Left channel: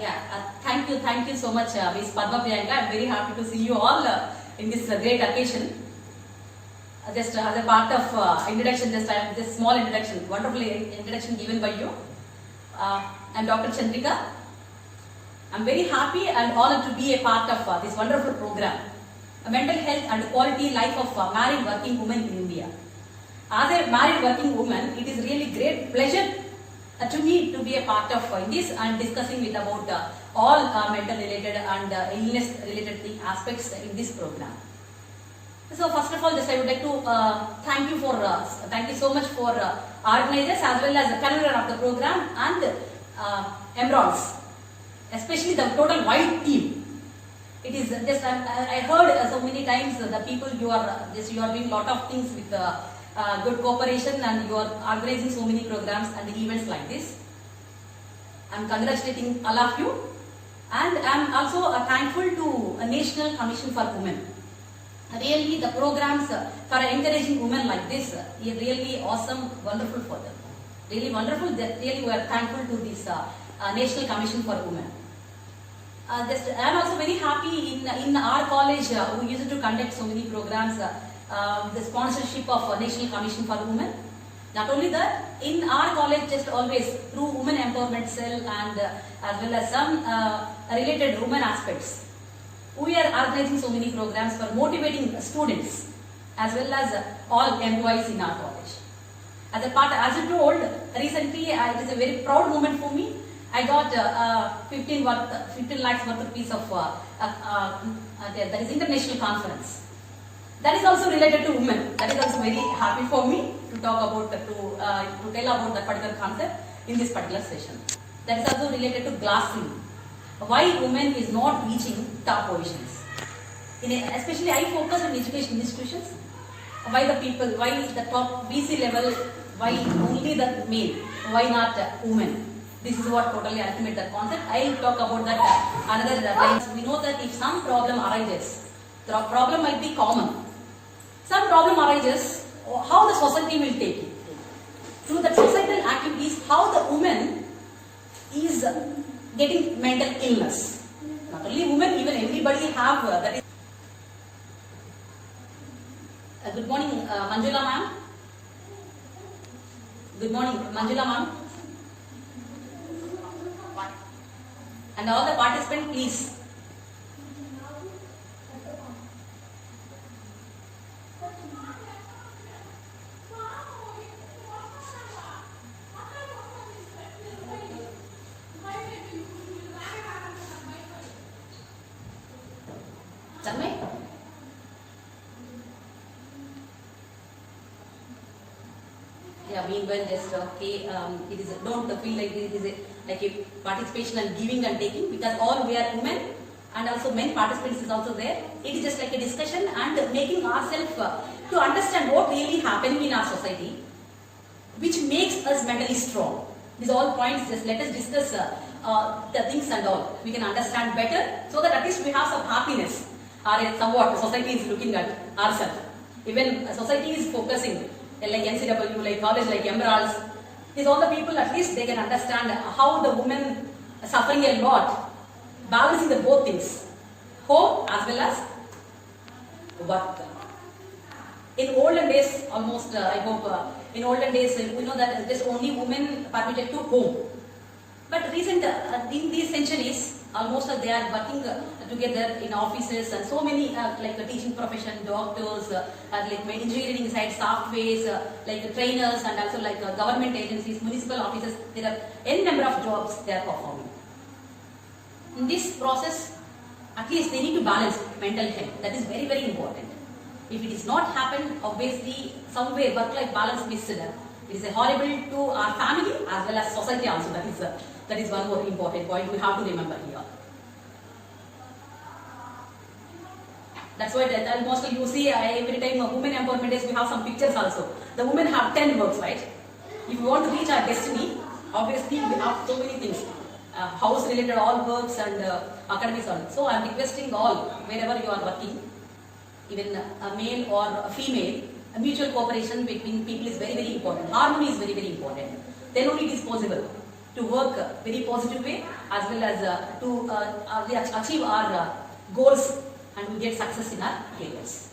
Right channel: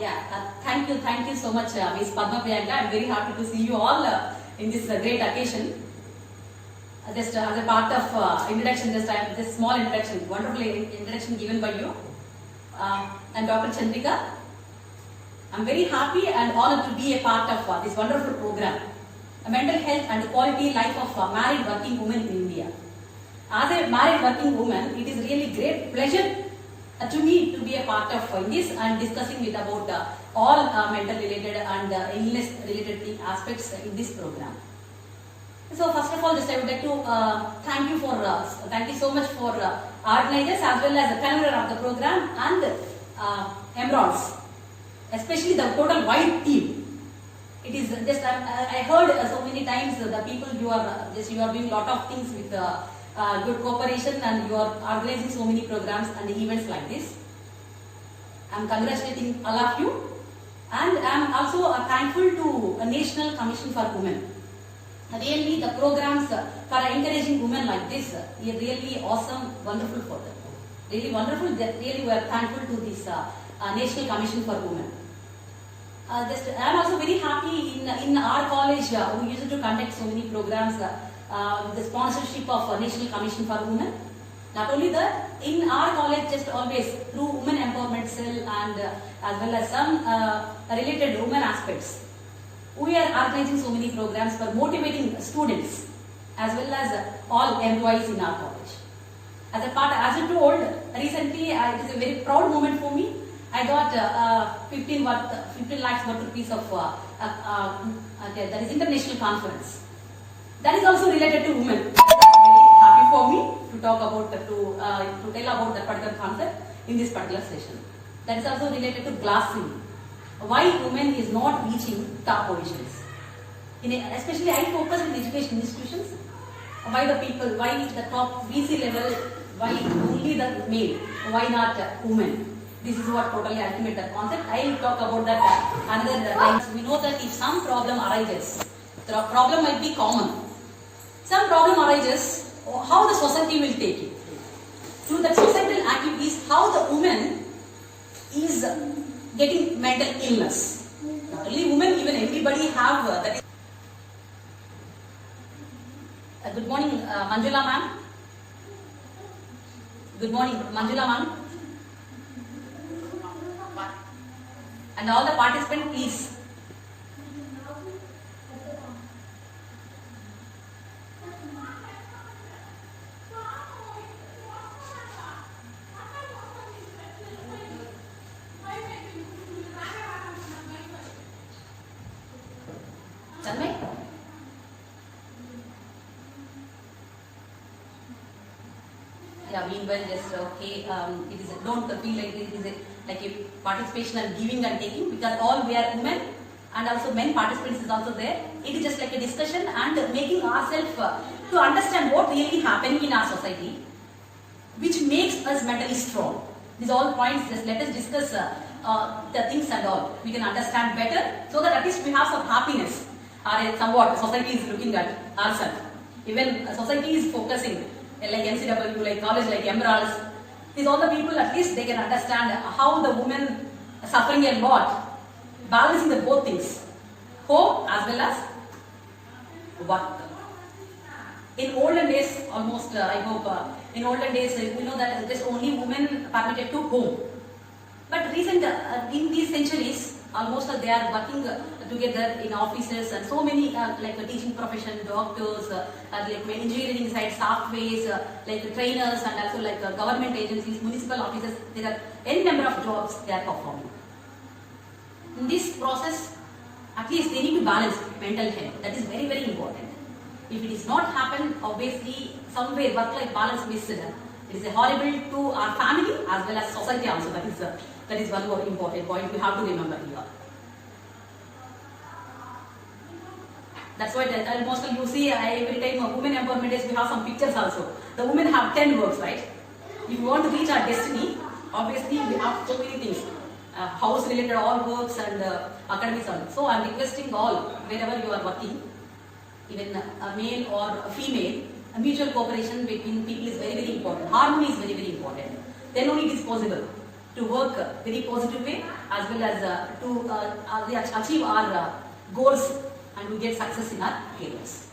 Thank you so much, Ms. Padma Priyanka. I'm very happy to see you all in this great occasion. Just as a part of introduction, I have this small introduction, wonderful introduction given by you. I'm Dr. Chandrika. I'm very happy and honored to be a part of this wonderful program, mental health and quality life of married working women in India. As a married working woman, it is really great pleasure to me to be a part of this and discussing it about all mental related and illness related aspects in this program. So first of all, I would like to thank you so much for organizers as well as the convener of the program and Emeralds, especially the total wide team. It is just I heard so many times the people you are doing a lot of things with good cooperation and you are organizing so many programs and events like this. I am congratulating all of you, and I am also thankful to a National Commission for Women. Really, the programs for encouraging women like this are really awesome, wonderful for them. Really wonderful. That really we are thankful to this National Commission for Women. I am also very happy in our college we used to conduct so many programs. The sponsorship of National Commission for Women. Not only that, in our college just always through Women Empowerment Cell and as well as some related women aspects, we are organizing so many programs for motivating students as well as all employees in our college. As a part, as you told, recently it is a very proud moment for me. I got 15 lakhs worth of piece of that is international conference. That is also related to women. That is also very happy for me to talk about to tell about that particular concept in this particular session. That is also related to glass ceiling. Why women is not reaching top positions. Especially I focus on education institutions. Why the people? Why the top VC level? Why only the male? Why not women? This is what totally ultimate that concept. I will talk about that another times. We know that if some problem arises, the problem might be common. Some problem arises, how the society will take it. Through the societal activities, how the woman is getting mental illness. Not only women, even everybody have that is. Good morning, Manjula ma'am. Good morning, Manjula ma'am. And all the participants, please. Yeah, meanwhile, just okay. It is don't feel like it is like a participation and giving and taking, because all we are women and also men participants is also there. It is just like a discussion and making ourselves to understand what really happening in our society, which makes us mentally strong. These all points. Just let us discuss the things and all. We can understand better, so that at least we have some happiness. Or somewhat society is looking at ourselves. Even society is focusing. Like NCW, like college, like Emeralds, these all the people, at least they can understand how the women are suffering a lot, balancing the both things, home as well as work. In olden days, almost I hope in olden days we know that just only women permitted to home. But recent in these centuries, almost they are working together in offices and so many like teaching profession, doctors, like engineering side, softwares, like trainers, and also like government agencies, municipal offices. There are n number of jobs they are performing. In this process, at least they need to balance mental health. That is very, very important. If it is not happen, obviously somewhere work-life balance missed. It is horrible to our family as well as society also. That is one more important point we have to remember here. That's why almost you see every time women empowerment days we have some pictures also. The women have 10 works, right? If we want to reach our destiny, obviously we have so many things. House related all works and academics also. So I am requesting all, wherever you are working, even a male or a female, a mutual cooperation between people is very, very important. Harmony is very, very important. Then only it is possible. to work very positive way, as well as to achieve our goals and we get success in our careers.